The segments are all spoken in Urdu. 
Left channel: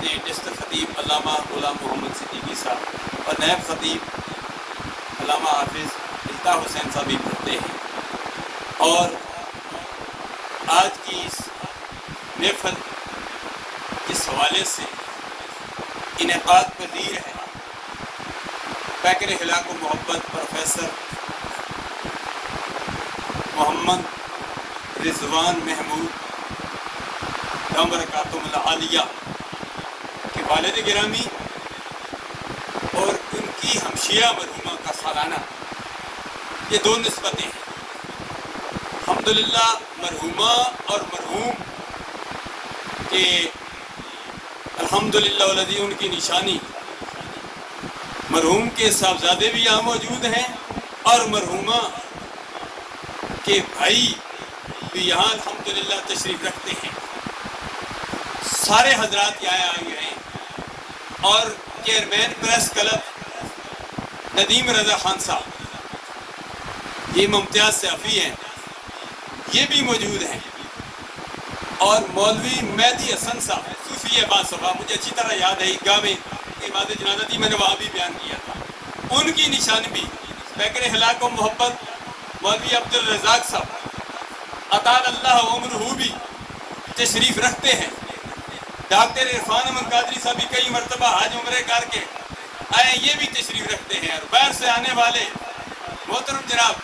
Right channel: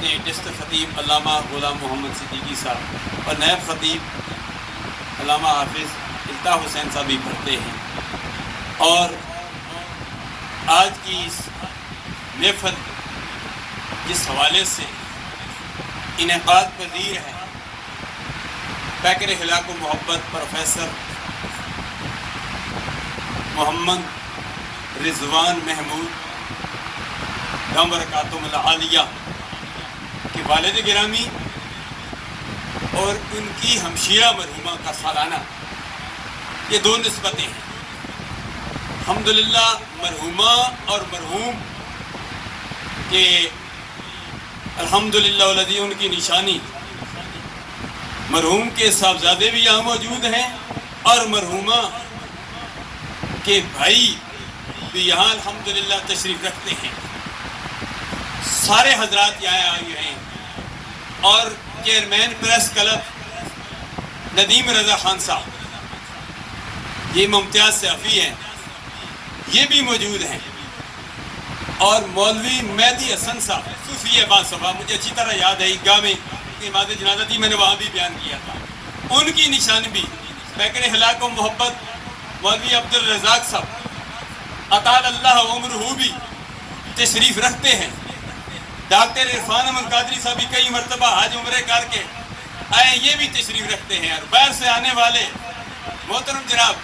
ڈسٹرکٹ خطیب علامہ غلام محمد صدیقی صاحب اور نائب خطیب علامہ حافظ الطاف حسین صاحب بھی پڑھتے ہیں، اور آج کی اس محفل جس حوالے سے انعقاد پذیر ہے، پیکر اخلاق و محبت پروفیسر محمد رضوان محمود دم برکاتہم العالیہ کے والد گرامی اور ان کی ہمشیرہ مرحومہ کا سالانہ، یہ دو نسبتیں ہیں۔ الحمدللہ مرحومہ اور مرحوم کے الحمدللہ والذی ان کی نشانی، مرحوم کے صاحبزادے بھی یہاں موجود ہیں اور مرحومہ کے بھائی بھی یہاں الحمدللہ تشریف رکھتے ہیں۔ سارے حضرات یہاں آئے ہیں، اور chairman press club Nadeem Raza Khan صاحب، یہ ممتاز صحافی ہیں، یہ بھی موجود ہیں، اور مولوی مہدی حسن صاحب صوفی عباس صاحب، مجھے اچھی طرح یاد ہے، عیدگاہ میں امامت جنازہ تھی، میں نے وہاں بھی بیان کیا تھا۔ ان کی نشان بھی پیکر اخلاق و محبت مولوی عبدالرزاق صاحب اطال اللہ عمرہ بھی تشریف رکھتے ہیں۔ ڈاکٹر عرفان احمد قادری صاحب بھی کئی مرتبہ حج عمرے کر کے آئے، یہ بھی تشریف رکھتے ہیں۔ اور باہر سے آنے والے محترم جناب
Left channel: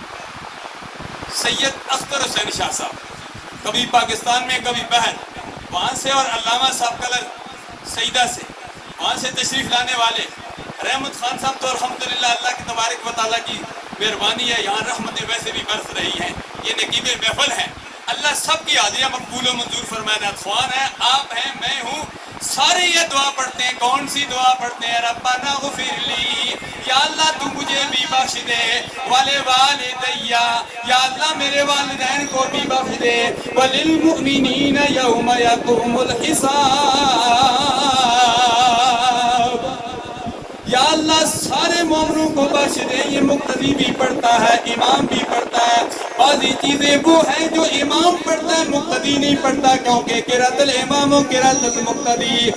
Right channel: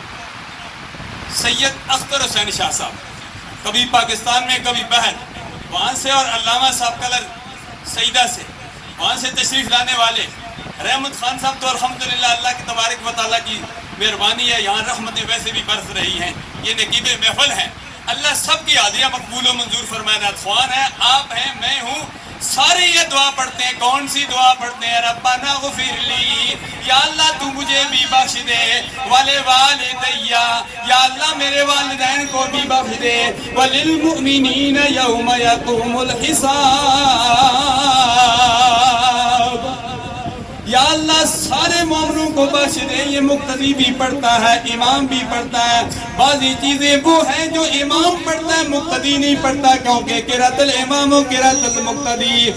سید اختر حسین شاہ صاحب، کبھی پاکستان میں کبھی باہر، وہاں سے، اور علامہ صاحب کلر سیدہ سے، وہاں سے تشریف لانے والے رحمت خان صاحب، تو الحمدللہ اللہ کی تبارک و تعالیٰ کی مہربانی ہے، یہاں رحمتیں ویسے بھی برس رہی ہیں، یہ نقیب محفل ہے۔ اللہ سب کی عادیہ مقبول و منظور فرمائے۔ ناتخوان ہے، آپ ہیں، میں ہوں، سارے یہ دعا پڑھتے ہیں۔ کون سی دعا پڑھتے ہیں؟ ربنا اغفر لی، یا اللہ تو مجھے بھی بخش دے، ولوالدیا، یا اللہ میرے والدین کو بھی بخش دے، وللمؤمنین یوم یقوم الحساب، یا اللہ سارے مومنوں کو بخش دے۔ یہ مقتدی بھی پڑھتا ہے، امام بھی پڑھتا ہے، بعضی چیزیں وہ ہیں جو امام پڑھتا ہے مقتدی نہیں پڑھتا، کیونکہ قراءۃ الامام و قراءۃ المقتدی